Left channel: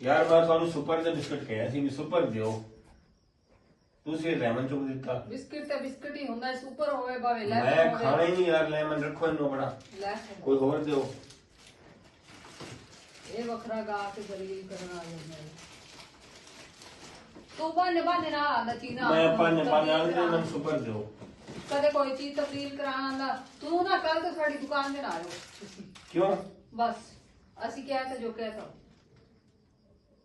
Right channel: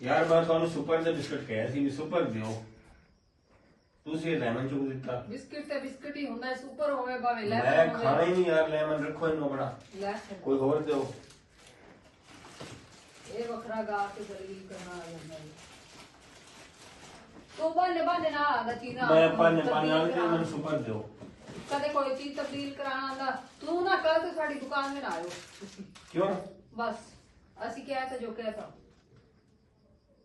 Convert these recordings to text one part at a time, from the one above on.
यार मैं ਤੁਹਾਨੂੰ ਸੁਪਰ ਦੇ ਬਿਸਕਟ ਕਹਿਆ ਸੀ ਵੀ ਸੁਪਰ ਦਿਓ ਤੁਸੀਂ ਲੈਮਨ ਚੁੱਕ ਦਿੱਤਾ ਬਿਸਕਟ ਤੇ ਬਿਸਕਟ ਹੀ ਹੁੰਦਾ ਸੁਪਰ ਹੋਵੇ ਭਾਵੇਂ ਲੈ ਮੈਂ ਖਾਣਾ ਹੀ ਨਹੀਂ ਯਾਰ ਲੈਮਨ ਰੱਖੋ ਇਹਨੂੰ ਬੜਾ ਲੈ ਕੋਈ ਹੋਰ ਦਿਓ ਇਹ ਵੱਖਰਾ ਗਾ ਕੇ ਗਲੀ ਕਰਨਾ ਆ ਜਾਂਦਾ ਹੈ ਤੂੰ ਬੰਦੇ ਨਾ ਆਦਾ ਚੀਜ਼ ਮੈਂ ਆਪਾਂ ਨੇ ਨਾਲ ਤੇ ਮੈਨੂੰ ਸੁਪਰ ਦਿਓ ਕਦੇ ਕੋਈ ਚੀਜ਼ ਤਬਦੀਲ ਕਰਾਉਣਾ ਆਂਦਾ ਤੂੰ ਨਾ ਕੱਲ ਤੋਂ ਸਾਡੀ ਦੁਕਾਨ ਤੇ ਨਾ ਆਇਓ ਤੁਸੀਂ ਕਿਉਂ ਬਸ ਅਸੀਂ ਕਿਹਾ ਤਾਂ ਜੋ ਕਹਿਤਾ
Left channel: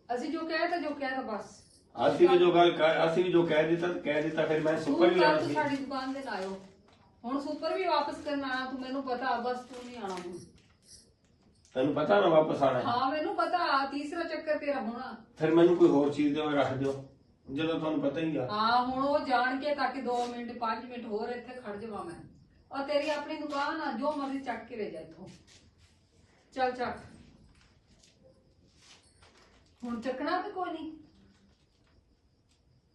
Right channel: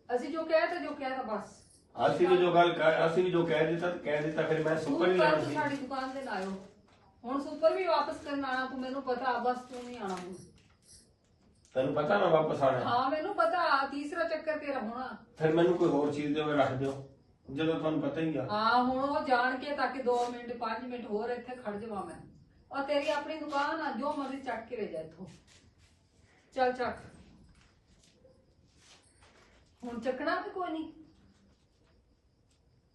ਅਸੀਂ ਜੋ ਕਹਿਤਾ ਬਸ ਅਸੀਂ ਵੀ ਜੋ ਗੱਲ ਅਸੀਂ ਵੀ ਜੋ ਕਹਿ ਦਿੱਤਾ ਫਿਰ ਮੈਂ ਸੁਪਰ ਹੀ ਲੈਣਾ ਸੀ ਸਾਡੀ ਦੁਕਾਨ ਤੇ ਨਾ ਆਇਓ ਹੁਣ ਸੁਪਰ ਵੀ ਵਾਪਸ ਕਰਨ ਆਣਾ ਤੂੰ ਮੈਨੂੰ ਪਤਾ ਬਸ ਤੂੰ ਨਹੀਂ ਆਣਾ ਹੁਣ ਤੈਨੂੰ ਪਤਾ ਨਾ ਵਾਪਸ ਆਣਾ ਹਾਂ ਮੈਨੂੰ ਪਤਾ ਤੀਸਰਾ ਚੱਕਰ ਤੇਰਾ ਹੋਣਾ ਫਿਰ ਮੈਨੂੰ ਕੋਈ ਹੋਰ ਚੀਜ਼ ਦਿਓ ਰੱਖ ਦਿਓ ਜਦੋਂ ਤੁਹਾਨੂੰ ਪਤਾ ਹੀ ਆ ਹਾਂ ਹੁਣ ਉਹ ਜਾਣ ਕੇ ਤਾਂ ਕਿ 2 ਮਿੰਟ 5 ਮਿੰਟ ਹੋਰ ਇੱਥੇ ਖੜ ਜਾਵਾਂ ਮੈਂ ਔਰ ਤੇਰੀ ਆਪਣੀ ਦੁਕਾਨ ਆ ਜੋ ਮਰਜ਼ੀ ਚੱਕ ਕੇ ਲੈ ਜਾ ਇੱਥੋਂ ਚੱਲ ਚੱਕ ਹੁਣ ਚੱਕਣਾ ਤੇ ਕੋਈ ਨਹੀਂ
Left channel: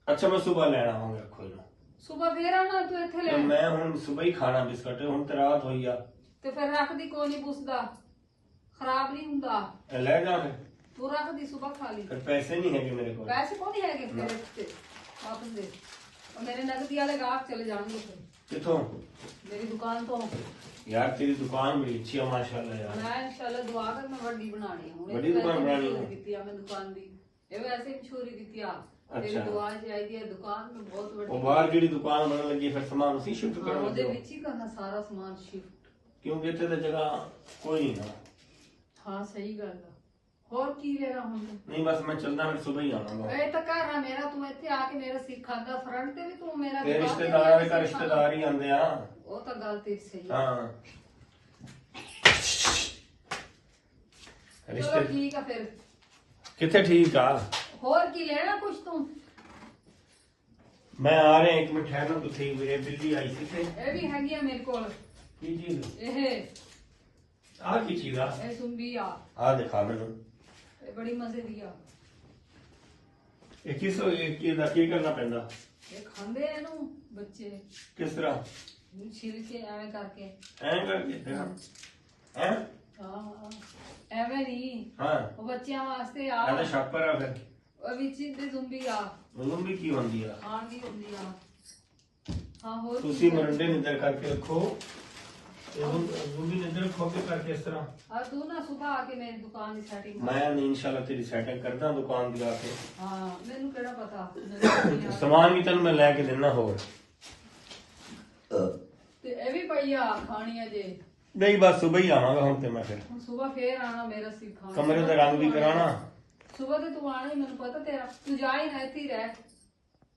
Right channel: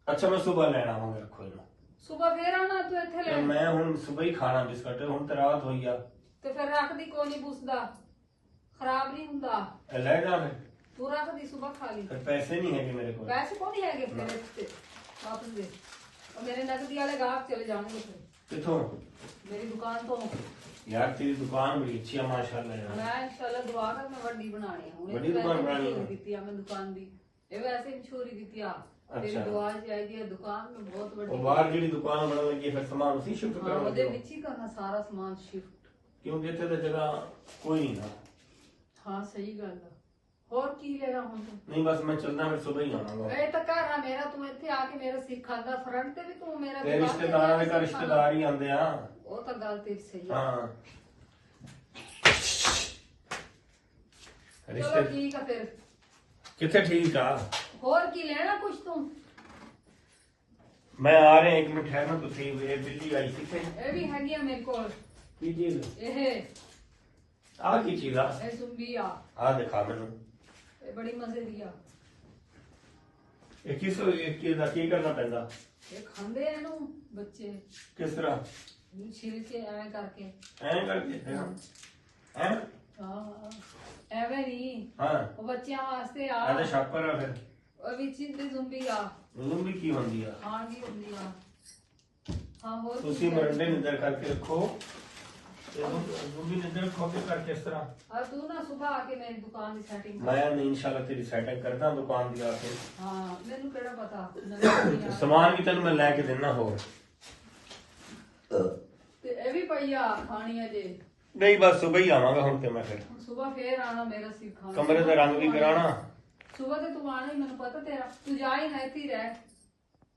ਅੱਛਾ ਮੈਂ ਸਵੇਰ ਲੈਣ ਆਵਾਂਗਾ ਰੱਖੋ ਇਹਨੂੰ ਸਵੇਰ ਫੇਰ ਆਉਣਾ ਤੂੰ ਇੱਥੇ ਲੈ ਮੈਂ ਹੁਣ ਸਵੇਰ ਹੀ ਖਾਣਾ ਬਿਸਕਟ ਹੁਣ ਤੇ ਰਾਤ ਹੋਈ ਆ ਤੇ ਫਿਰ ਰੱਖਦੀ ਕੋਈ ਨਹੀਂ ਪੁੱਛਦਾ ਖਰਾਬ ਨਹੀਂ ਹੁੰਦਾ ਇਹ ਲੈ ਜਾ ਫਿਰ ਤੂੰ ਰੱਖਦੀ ਸਵੇਰ ਖਾ ਲਈ ਫਿਰ ਪੈਸੇ ਨਹੀਂ ਹੈਗੇ ਮੇਰੇ ਕੋਲ ਪੈਸੇ ਕੋਈ ਨਹੀਂ ਹੈਗੇ ਤੇਰੇ ਤੇ ਵਾਪਸ ਦੇ ਔਰ ਮੇਰੇ ਨਗਦੀ ਵਾਲੇ ਗਾਹਕ ਚਲੇ ਜਾਣਗੇ ਫਿਰ ਕਿੱਥੋਂ ਮੇਰੀ ਦੁਕਾਨ ਤੋਂ यार तेरी दुकान बड़ी अच्छी है माशाल्लाह यार मैं इंशाल्लाह दुआ कर मैं ਵੱਡੀ ਬਣਾਣੀ ਹੈ ਵੱਡੀ ਦੁਕਾਨ ਬਣਾਣੀ ਹੈ ਦਿੱਤੀ ਆ ਮੈਂ ਦੁਕਾਨ ਦੀ ਇਹ ਵੈਸੇ ਮਸ਼ਹੂਰੀ ਦਿੱਤੀ ਆ ਤੇਰੀ अच्छा ਦੁਆ ਚਾਹੀਦੀ ਹੈ ਦੁਕਾਨ में बहुत ਵੱਡੀ और बाहर ਜਿਹੜੀ ਦੁਕਾਨ ਬਣਨ ਲੱਗੀ ਫਿਰ ਸਮਾਨ ਉਸੇ ਸ਼ਿਫਟ ਹਾਂ, ਕਰਨ ਉਹਦੇ ਲੱਗੇ ਵਿੱਚ ਹੀ ਕਰਨਾ ਸਾਰਾ ਸਮਾਨ ਸ਼ਿਫਟ ਕਿਉਂਕਿ ਇੱਥੇ ਤਾਂ ਜਗ੍ਹਾ ਕੋਈ ਨਹੀਂ ਨਾ ਹਾਂ ਸਹੀ ਗੱਲ ਆ ਹੋਰ ਕੀ ਲੈਣਾ ਹੁਣ ਤੂੰ ਨਹੀਂ ਬਸ ਮੈਂ ਚੱਲਦਾ ਫਿਰ ਸਵੇਰ ਹੀ ਆਵਾਂਗਾ ਇਹ ਤਾਂ ਘਰ ਆ ਮੇਰਾ ਤੂੰ ਇੱਥੇ ਆ ਕੇ ਮੇਰਾ ਸਿੱਖਾਂਦਾ ਫਰੰਟ ਤੇ ਵੀ ਤੂੰ ਮੇਰਾ ਤੇ ਦੁਕਾਨ ਤੇ ਰਿਸ਼ਤੇਦਾਰਾਂ ਦੇ ਆ ਘਰ ਕੇ ਰਿਸ਼ਤੇਦਾਰ ਹੀ ਆਉਂਦੇ ਆ ਉਹ ਤਾਂ ਗੱਲ ਤੇਰੀ ਸਹੀ ਆ ਹਾਂ ਚਲੋ ਰਿਸ਼ਤੇ ਠੀਕ ਆ ਫਿਰ ਕਿੱਥੇ ਠੀਕ ਆ ਹੋਰ ਕੀ ਲੈਣਾ ਕੁਛ ਤੂੰ ਮੈਂ ਆ ਰਿਹਾ ਇੱਕ ਮਿੰਟ ਠਹਿਰਨਾ ਤੁਸੀਂ ਵੀਰੇ ਬਿੱਲੀ ਆਈ ਸੀ ਤੇ ਇਹ ਵੀ ਹੈਗੀ ਆ ਮੇਰੇ ਕੋਲ ਕੀ ਚੀਜ਼ ਇਹ ਆ ਕੀ ਚੀਜ਼ ਆ ਇਹ ਸੁੰਬੀ ਆ ਆ ਦਿਖਾ ਮੈਨੂੰ ਇਹ ਬੜੀ ਮਜ਼ੇ ਦੀ ਆ ਇਹ ਕਿਸ ਦਾ ਕੀ ਕਰਨਾ ਪੈਂਦਾ ਇਹ ਖਾਂਦੇ ਆ ਇਹਨੂੰ ਬੱਚੇ ਕਿਸ ਤਰ੍ਹਾਂ ਇਹਨੂੰ ਛਿਲ ਕੇ ਐਵੇਂ ਕਰਕੇ ਐਂ ਕਰਕੇ ਹੈਂ ਹਾਂ ਐਵੇਂ ਨਹੀਂ ਹਾਂ ਉਹ ਬੱਚਿਆਂ ਵਾਸਤੇ ਆ ਇਹ ਤਾਂ ਛਾਪਰ ਆ ਫਿਰ ਉਹ ਵਿੱਚ ਦੀ ਜ਼ੁੰਬੀ ਆ ਉਹਨੂੰ ਵੀ ਕੀ ਹੁੰਦੀ ਆ ਖਾਣ ਦੀ ਹੁੰਦੀ ਆ ਹਾਂ ਹੋਰ ਕੀ ਤੁਸੀਂ ਕਰਨਾ? ਮਰੰਡੇ ਨਿੱਦਰ ਕਰਕੇ ਰੱਖੋ ਜ਼ੁੰਬੀ ਨਿੱਦਰ ਰੱਖੋ ਕੇ ਕਰਕੇ ਇਸ ਤਰ੍ਹਾਂ ਆ ਤੂੰ ਨਾ ਸੁਬਹ ਆ ਕੇ ਮੇਰੀ ਦੁਕਾਨ ਦੀ ਸੈਟਿੰਗ ਮੈਂ ਇਨਸ਼ਾਅੱਲਾ ਤੇਰੀ ਸੈਟਿੰਗ ਕਰਦਾ ਦੁਕਾਨ ਦੀ ਆ ਕੇ ਹਾਂ ਮੈਨੂੰ ਕਿਹੜਾ ਪਤਾ ਸਮਾਨ ਵੀ ਤੈਨੂੰ ਮੈਂ ਲੈ ਕੇ ਦੇਣਾ ਹੋਰ ਤੇ ਇਹ ਵੀ ਪਈ ਆ ਖਾਣੀ ਹੈ ਜੇ ਨਹੀਂ ਬਸ ਸਵੇਰ ਹੀ ਆਵਾਂਗਾ ਹੁਣ ਤੇ ਮੈਂ ਫਿਰ ਹੁਣ ਸੁਬਹ ਫੇਰ ਆਣਾ ਮੇਰਾ ਸਿੱਖਾਂ ਕਮਰੇ ਦਾ ਰੰਗ ਵੀ ਕਰਾਉਣਾ ਸੁਬਹ ਤੇ ਤੂੰ ਆਣਾ ਹੀ ਮੈਨੂੰ ਪਤਾ ਤੇਰਾ ਤੂੰ ਜਾ ਹੀ ਨਾ ਇੱਥੇ ਹੀ ਰਹਿ